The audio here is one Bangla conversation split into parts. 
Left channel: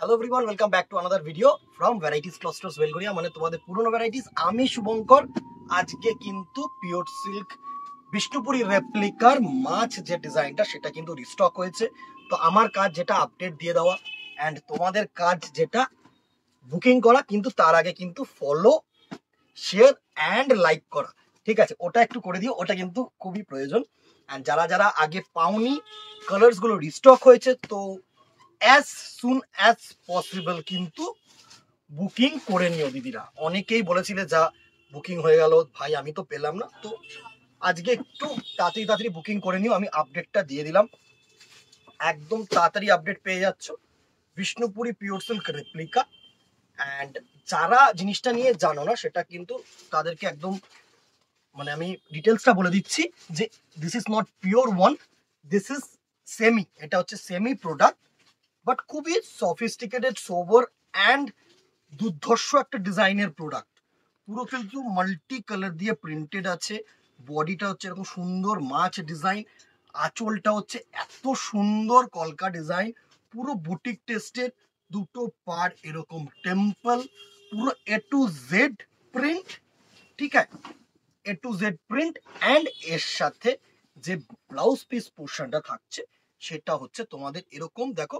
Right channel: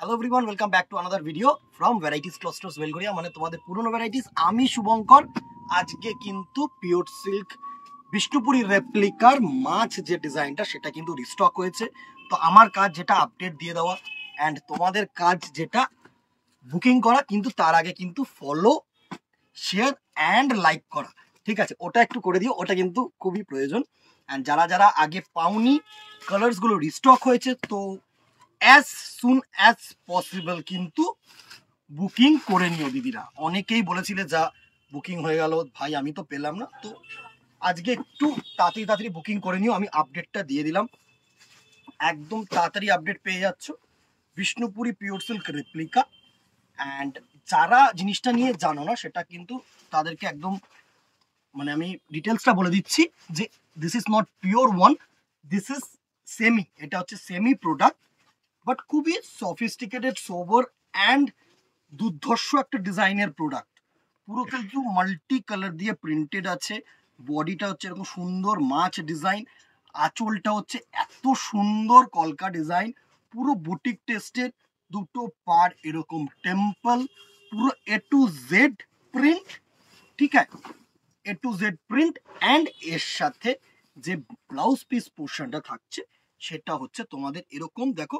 Hello everyone, welcome back to another video from varieties clusters Belgharia, মানে তোমাদের পুরনো ভ্যারাইটিস। আমি শুভঙ্কর। আজকে কিন্তু পিওর সিল্ক বিষ্ণুপুরি রেপ্লিকার মাছ যে ডিজাইনটা সেটা কিন্তু রিস্টক হয়েছে। তো আমার কাজ যেটা আপডেট দিয়ে দেওয়া, অ্যান্ড তোমাদের কাজ যেটা বুকিং করা, কিন্তু তার আগে কিন্তু ফলো, শেয়ার অ্যান্ড লাইক করা, ঠিক আছে? ওটা একটু করে দিও, ওটা কিন্তু খুবই প্রয়োজন। অ্যান্ড যারা যারা আগে পাওনি, কালার্সগুলো রিস্টক হয়েছে, তো অ্যাজ সুন অ্যাজ পসিবল কিন্তু বুকিং করে নিও দিদিরা। অনেকেই বলেছিলে যা বুকিং হয়ে গেল ভাই, আমি তো পেলাম না। তো আজকে একটু তাড়াতাড়ি তাড়াতাড়ি বুকিং করে নিও, আমি আপডেটটা দিয়ে দিলাম। একদম তাড়াতাড়ি আপডেট পেয়ে যাচ্ছ Bishnupuri pure silk replica. And যারা জিনিসটা নিয়ে জানো না সেটা কিন্তু তাদেরকে একদম মানে আমি ডিটেলসটা বলে দিচ্ছি যে this is not pure one, this is semi. এটা হচ্ছে সেমি প্রোডাক্ট, বাট খুবই সফিস্টিকেটেড, সোবার অ্যান্ড দুর্ধর্ষ একটা ডিজাইনের প্রোডাক্ট। পুরো কিন্তু মাল্টি কালার দিয়ে প্রিন্টেড আছে। বডিটা হচ্ছে এরকম সুন্দর মাছ ডিজাইন, আঁচলটা হচ্ছে এত সুন্দর কলকা ডিজাইন, পুরো বুটিক টেস্টের। দুটো পার এরকম টেম্পল, পুরো এ টু জেড প্রিন্ট, ঠিক আছে? এ টু জেড প্রিন্ট। অ্যান্ড এর সাথে যে ব্লাউজ পিস পোর্শনটা থাকছে সেটা হচ্ছে তোমাদের এরকম, দেখো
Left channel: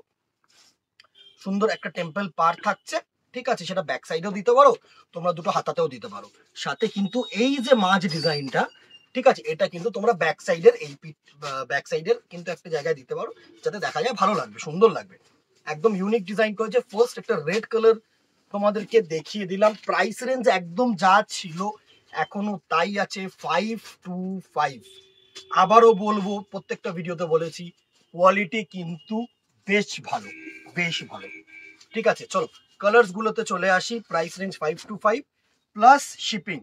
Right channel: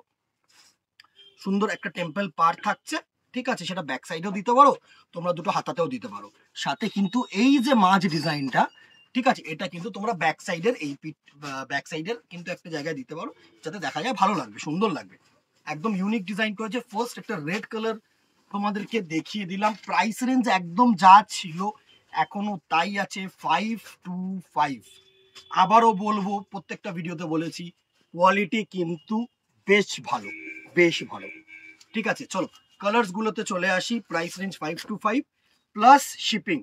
সুন্দর একটা টেম্পল পার থাকছে, ঠিক আছে? সেটা ব্যাক সাইডেও দিতে পারো, তোমরা দুটো হাতাতেও দিতে পারো। সাথে কিন্তু এই যে মাছ ডিজাইনটা, ঠিক আছে, এটা কিন্তু তোমরা ব্যাক সাইডের এই ব্যাক সাইডের কিন্তু একটা জায়গায় দিতে পারো, যাতে দেখা যায় ভালো লাগবে, সুন্দর লাগবে। একদম ইউনিক ডিজাইন করেছে। ফার্স্ট একটা রেড কালার তোমাদেরকে দেখিয়ে দিলাম। প্রাইস রেঞ্জ একদম যা ছিল এখনো তাই আছে, 525। আবারও বলবো, প্রত্যেকটা ভিডিওতে বলেছি, কোয়ালিটি কিন্তু বেশ ভালো, বেশ ভালো, ঠিক আছে? চলো কালার্স গুলোতে চলে আসি। প্রাইস রেঞ্জ 525 প্লাস শিপিং,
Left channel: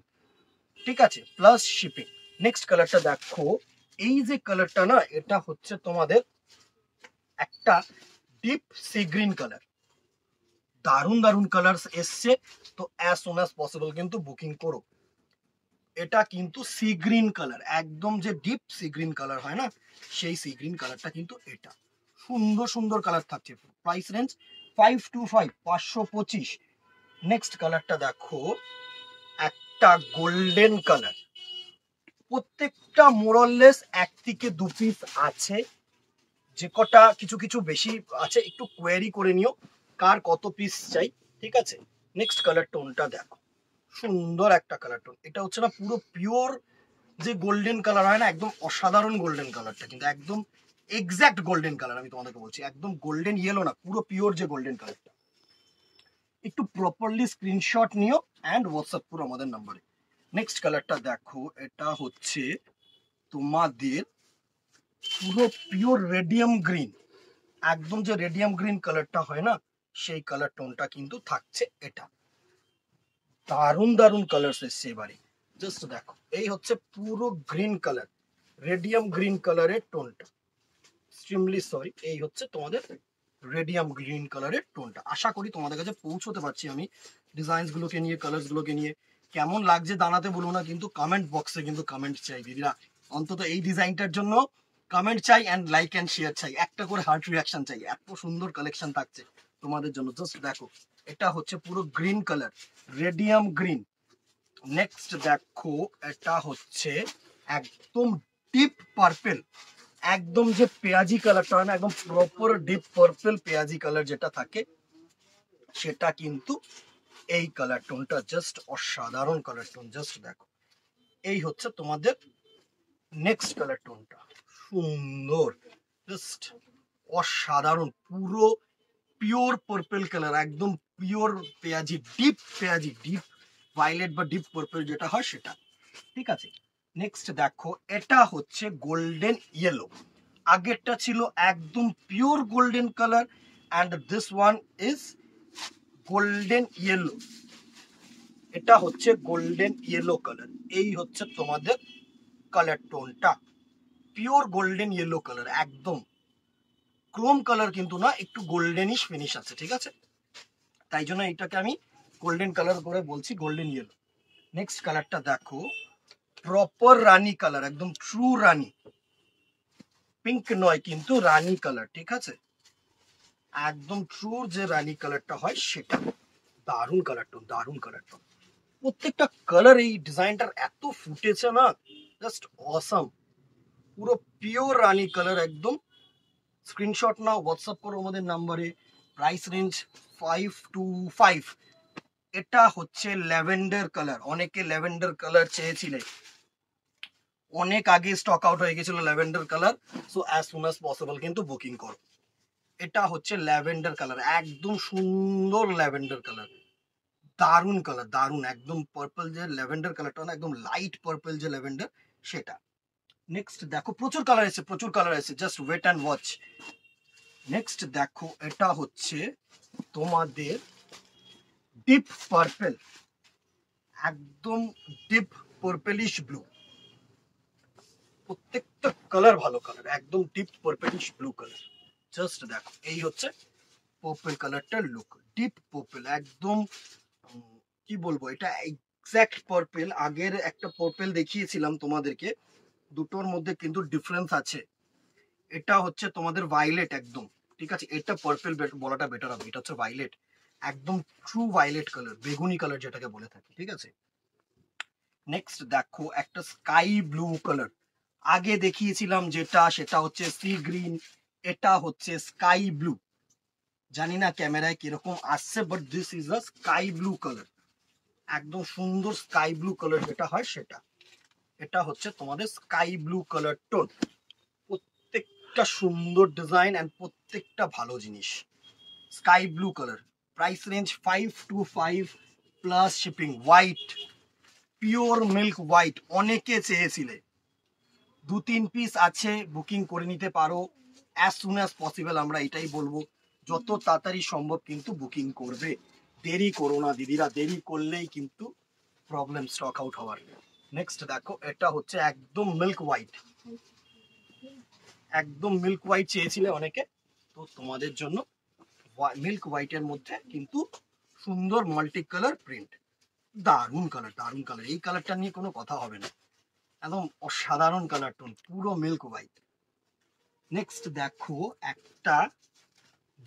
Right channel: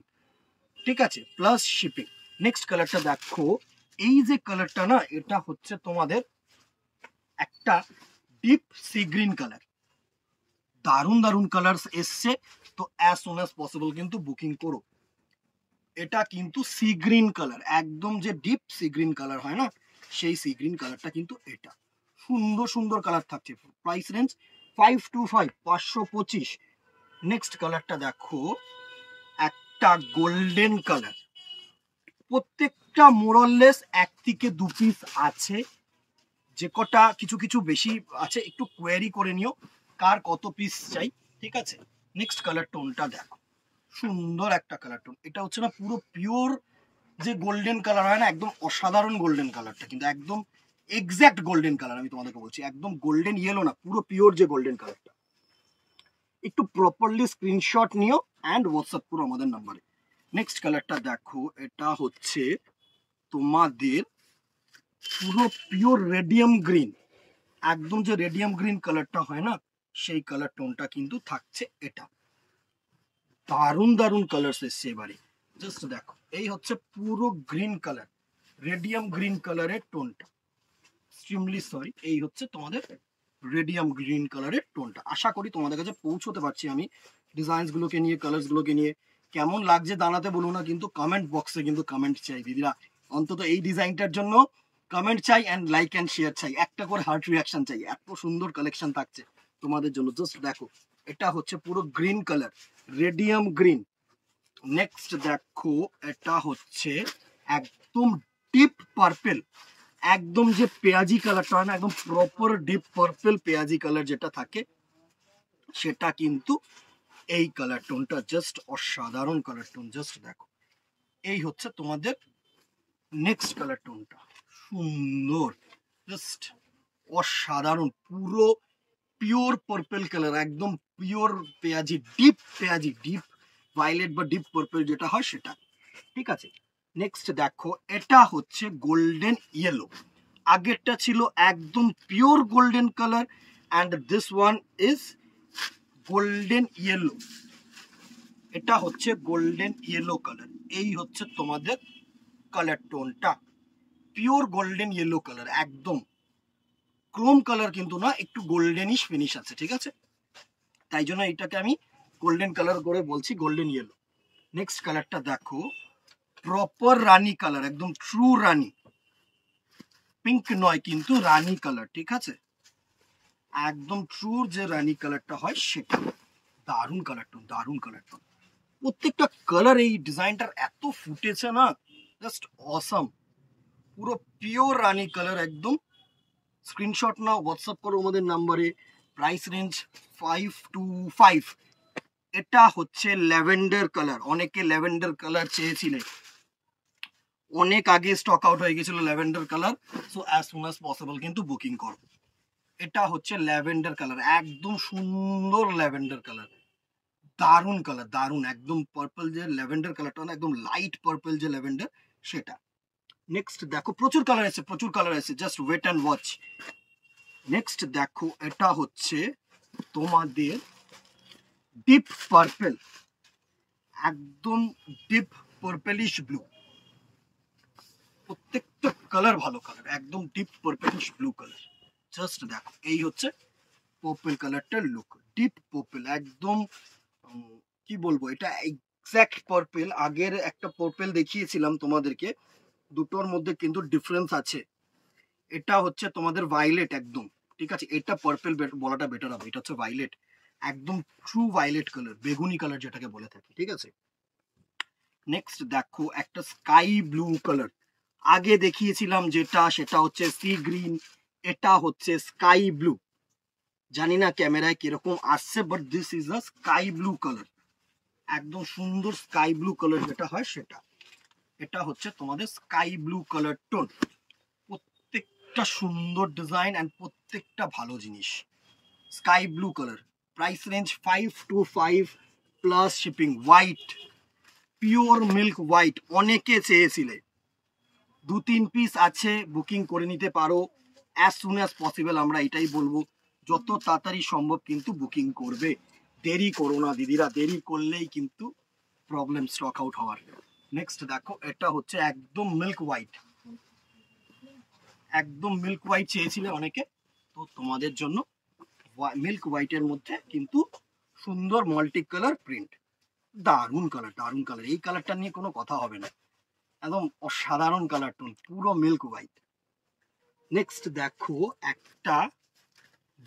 ঠিক আছে? Plus shipping. নেক্সট কালারটা দেখো, এই যে কালারটা না, এটা হচ্ছে তোমাদের একটা ডিপ সি গ্রিন কালার। দারুণ দারুণ কালার্স এসছে, তো অ্যাজ সুন অ্যাজ পসিবল কিন্তু বুকিং করো। এটা কিন্তু সি গ্রিন কালার, একদম যে ডিপ সি গ্রিন কালার হয় না, সেই সি গ্রিন কালারটা কিন্তু এটা। সুন্দর সুন্দর কালার থাকছে। Price range 525, 525। নেক্সট কালারটা দেখো, একটা গোল্ডেন কালার। প্রত্যেকটা মোরলেস এক থেকে দু পিস আছে, যে কটা কিছু কিছু বেশি আছে একটু কোয়ারি করে নিও কার কত পিস চাই, ঠিক আছে? নেক্সট কালার টোনটা দেখো, সুন্দর একটা কালার টোন। এটা হচ্ছে না পুরো পিওর যে গোল্ডেন কালার হয় না, একদম অসাধারণ গোল্ডেন কালারটা, কিন্তু একদম এক্স্যাক্ট গোল্ডেন কালার। আমি তোমাদেরকে বলছি একদম গোল্ডেন ইয়েলো না, পুরো পিওর যে গোল্ডেন কালারটা। একটু প্রপারলি স্ক্রিনশট নিও অ্যান্ড হোয়াটসঅ্যাপ করো আমাদের নাম্বারে। নেক্সট কালারটা দেখো, এটা হচ্ছে তোমাদের পুরো পিওর রেডিয়াম গ্রিন। একদম যে রেডিয়াম গ্রিন কালারটা হয় না, সেই কালার টোনটা কিন্তু থাকছে এটা। দারুণ দারুণ কালার্স এসছে এবারে, জাস্ট দেখো। এই হচ্ছে পুরো গ্রিন কালার, রেডিয়াম গ্রিন কালারের টোনটা। এক্সট্রিমলি সরি, এই হচ্ছে তোমাদের রেডিয়াম গ্রিন কালারের টোনটা। আশা করি তোমাদের কাছে পৌঁছতে পারছি আমি ডিজাইনস গুলোকে নিয়ে, কালার্স গুলোকে নিয়ে। কেমন লাগছে জানাতে বলো না, কিন্তু কমেন্ট বক্সে কিন্তু কমেন্ট চাই দিদিরা। অন্তত এই ডিজাইনটার জন্য কমেন্ট চাই, অ্যান্ড লাইক অ্যান্ড শেয়ার চাই, একটা করে হার্ট রিয়াকশন চাই। এত সুন্দর কালেকশন থাকছে তোমাদের জন্য, জাস্ট দেখো। এটা হচ্ছে পুরো green colour, radium green. Next দেখো, এটা হচ্ছে একদম ডিপ পার্পেল, একদম যে পেঁয়াজি কালারটা হয় না, একদম প্রপার ডিপ পার্পল পেঁয়াজি কালার যেটা থাকে, সেটা কিন্তু এই কালার টোনটা। জাস্ট অসাধারণ কালার টোন, জাস্ট দেখো। এই হচ্ছে তোমাদের নেক্সট কালার টোনটা, সুন্দর, জাস্ট অসাধারণ, পুরো পিওর পার্পল কালার, একদম পিওর পেঁয়াজি, ডিপ পেঁয়াজি, ডিপ ভায়োলেট বা ডিপ পার্পল যেটা হয় সেটা, ঠিক আছে? নেক্সট দেখো, এটা হচ্ছে গোল্ডেন ইয়েলো। আগেরটা ছিল একদম pure golden colour, and this one is golden yellow. এটা হচ্ছে গোল্ডেন ইয়েলো কালার। এই হচ্ছে তোমাদের কালার টোনটা, পিওর গোল্ডেন ইয়েলো কালার, একদম ক্রোম কালার কিন্তু না, একটু গোল্ডেনিশ ফিনিশ আছে, ঠিক আছে? তাই জন্য এটাকে আমি গোল্ডেন কালার করে বলছি, গোল্ডেন ইয়েলো। নেক্সট কালারটা দেখো, প্রপার রানী কালার, একদম ট্রু রানী, পিঙ্ক নয় কিন্তু রানী কালার, ঠিক আছে? একদম ট্রু যে রানী কালারটা হয় সেটা। দারুণ কালার টোন, দারুণ কালার টোন। প্রত্যেকটা কালার এই ডিজাইনটার এত ফুটেছে না, জাস্ট অসাম। পুরো পিওর রানী কালার একদম। স্ক্রিনশট নাও, হোয়াটসঅ্যাপ করো আমাদের নাম্বারে। Price range 525। এটা হচ্ছে ল্যাভেন্ডার কালার। অনেকে ল্যাভেন্ডার কালার চেয়েছিলেন, অনেক আগে স্টক আউট হয়ে গেছিল lavender colour. So as soon as possible কিন্তু বুকিং করো। এটা হচ্ছে ল্যাভেন্ডার কালার, একদম সুন্দর ল্যাভেন্ডার কালার, দারুণ কালার, দারুণ। একদম পার্পল যে ল্যাভেন্ডার কালারটা না, একদম লাইট পার্পল যে ল্যাভেন্ডার সেটা। নেক্সট দেখো, প্রচুর কালার এসে, প্রচুর কালার এসে, just wait and watch. Next দেখো, এটা হচ্ছে তোমাদের ডিপ পার্পল, একদম ডিপ পার্পলিশ ব্লু। প্রত্যেকটা কালার ভালো কালার, একদম deep purplish blue colour. Just দেখো, এই হচ্ছে পার্পল কালারটার লুক। ডিপ পার্পল একদম, কি বলবো, এটা এক্স্যাক্ট পার্পল। আগের একটা পার্পল দেখিয়েছিলাম তোমাদেরকে, দুটোর মধ্যে কিন্তু ডিফারেন্স আছে। এটা হচ্ছে তোমাদের ভায়োলেট একদম, ঠিক আছে। এটা পার্পল বলাটা বেটার হবে, এটা হচ্ছে ভায়োলেট, একদম ট্রু ভায়োলেট কালার, বেগুনি কালার যেটাকে বলে থাকি, ঠিক আছে। নেক্সট দেখো, একটা স্কাই ব্লু কালার। আগে দেখিয়েছিলাম যেটা, সেটা হচ্ছে সি গ্রিন, এটা হচ্ছে স্কাই ব্লু। জানি না ক্যামেরায় কিরকম আসছে, but this is a sky blue colour, একদম সুন্দর স্কাই ব্লু কালার যেটা হয় সেটা। এটা হচ্ছে তোমাদের স্কাই ব্লু কালার টোন। প্রত্যেকটা সুন্দর ডিজাইন এন্ড প্রত্যেকটা ভালো জিনিস। Sky blue colour, price range 525 plus shipping. White, pure milk white, অনেকে চেয়েছিলে, 2-3 পিস আছে, বুকিং করে নিতে পারো অ্যাজ সুন অ্যাজ পসিবল। আমরা এটাই বলবো, যত তাড়াতাড়ি সম্ভব কিন্তু বুকিং করবে, দেরি করো না দিদিরা, দেরি করলেই কিন্তু প্রবলেম স্টক আউট হওয়ার। নেক্সট দেখো, এটা হচ্ছে একদম মিল্ক হোয়াইট, একদম মিল্ক হোয়াইট চেয়েছিলে অনেকে, তো তোমাদের জন্য মিল্ক হোয়াইটের মধ্যে কিন্তু সুন্দর মাল্টি কালার প্রিন্ট। দারুণ কালার, দারুণ কালার, এই কালারটা নিয়ে কোনো কথা হবে না, একদম অসাধারণ কালার টোন, পুরো মিল্ক হোয়াইট। নেক্সট দেখো, একটা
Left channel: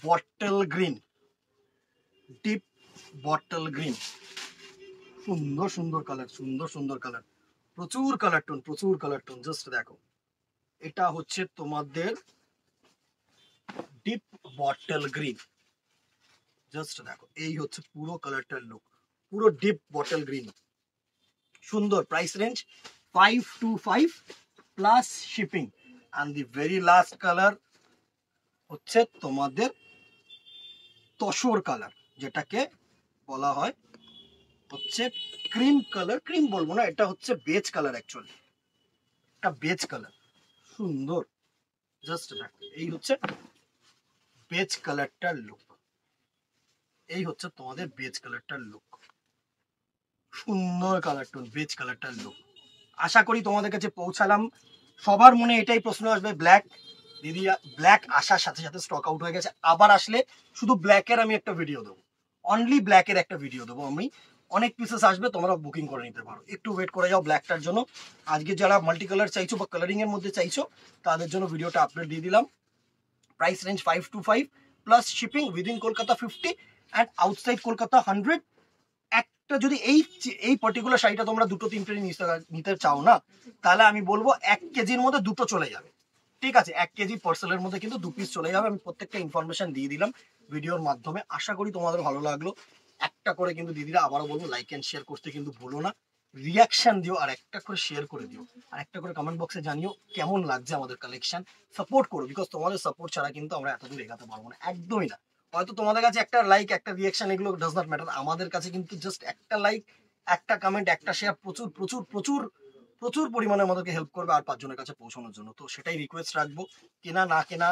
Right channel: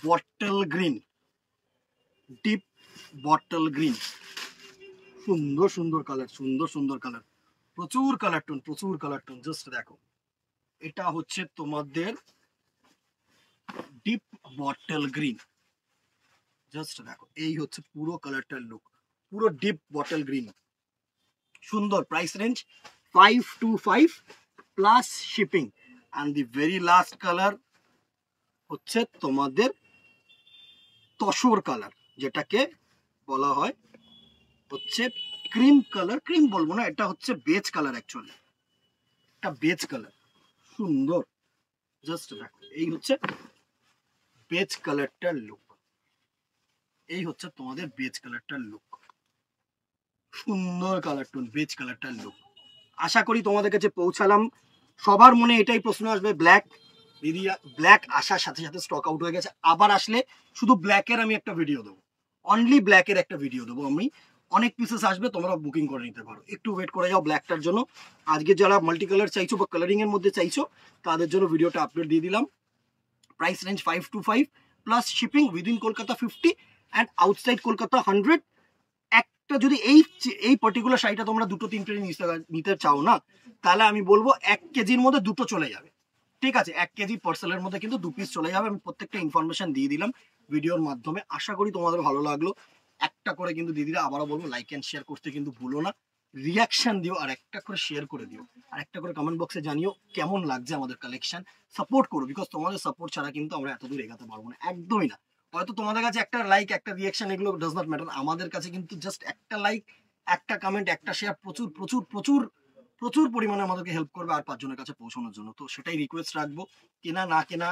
bottle green, deep bottle green, সুন্দর সুন্দর কালার, সুন্দর সুন্দর কালার, প্রচুর কালার টোন, প্রচুর কালার টোন। জাস্ট দেখো, এটা হচ্ছে তোমাদের ডিপ বটল গ্রিন। জাস্ট দেখো, এই হচ্ছে পুরো কালারটার লুক, পুরো ডিপ বটল গ্রিন, সুন্দর। Price range 525 plus shipping. And the very last colour হচ্ছে তোমাদের তসর কালার, যেটাকে বলা হয় হচ্ছে ক্রিম কালার। ক্রিম বলবো না, এটা হচ্ছে বেজ কালার, অ্যাকচুয়ালি এটা বেজ কালার, সুন্দর। জাস্ট দেখো, এই হচ্ছে বেজ কালারটার লুক, এই হচ্ছে তোমাদের বেজ কালারটার লুক, সুন্দর কালার টোন, বেজ কালারটার লুক। আশা করি তোমাদের কাছে পৌঁছালাম। সবার মনে এটাই প্রশ্ন আসবে, ব্ল্যাক দিদি, ব্ল্যাক আসার সাথে সাথে স্টক আউট হয়ে গেছে, আবার আসলে শুধু ব্ল্যাকের আমি একটা ভিডিও দেবো, অনলি ব্ল্যাকের একটা ভিডিও দেবো আমি। অনেক পিসেস আসবে, তোমরা বুকিং করে নিতে পারো, একটু ওয়েট করে যাও ব্ল্যাকটার জন্য। আজকে যারা মাল্টি কালার চাইছো বা কালারিং এর মধ্যে চাইছো, তাদের জন্য ভিডিওটা আপলোড দিয়ে দিলাম। Price range 525 plus shipping, within Kolkata 50 and outside Kolkata 100। একটা যদি এই পার্টিকুলার শাড়িটা তোমরা 2-3 নিতে চাও না, তাহলে আমি বলবো 1 কেজির মধ্যে 2টো চলে যাবে, ঠিক আছে। 1 কেজি পার্সেলের মধ্যে কিন্তু 2 পিস চলে যাবে। আমি প্রত্যেকটা ইনফরমেশন দিয়ে দিলাম ভিডিওর মাধ্যমে। আশা করি তোমাদের ভালো লাগলো। একটা করে কিন্তু দিদিরা, আবারও বলবো, লাইক এন্ড শেয়ার করতে কিন্তু ভুলো না, রিয়াকশন দিও, আর একটা করে শেয়ার করে দিও, আর একটা করে কমেন্ট বক্সে জানিও কেমন লাগছে আমাদের কালেকশন। সাপোর্ট করো, বিকজ তোমাদের সাপোর্ট ছাড়া কিন্তু আমরা এত দূর এগাতে পারবো না, একদমই না। হয়তো তোমাদের কাছে একটা লাইক, একটা রিয়াকশন, এগুলো ডাজ নট ম্যাটার। আমাদের কাছে কিন্তু জাস্ট একটা লাইক, একটা কমেন্ট, একটা শেয়ার প্রচুর প্রচুর প্রচুর প্রচুর পরিমাণে আমাদেরকে হেল্প করবে আর 5 জনের কাছে পৌঁছানোর জন্য। তো সেটাই রিকোয়েস্ট রাখবো, কেনা না কেনা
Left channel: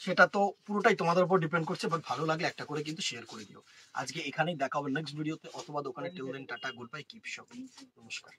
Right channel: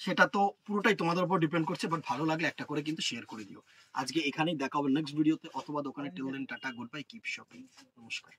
সেটা তো পুরোটাই তোমাদের উপর ডিপেন্ড করছে, বাট ভালো লাগলে একটা করে কিন্তু শেয়ার করে দিও। আজকে এখানেই দেখা হবে নেক্সট ভিডিওতে, অথবা দোকানে। Till then, tata, good bye, keep shopping, নমস্কার।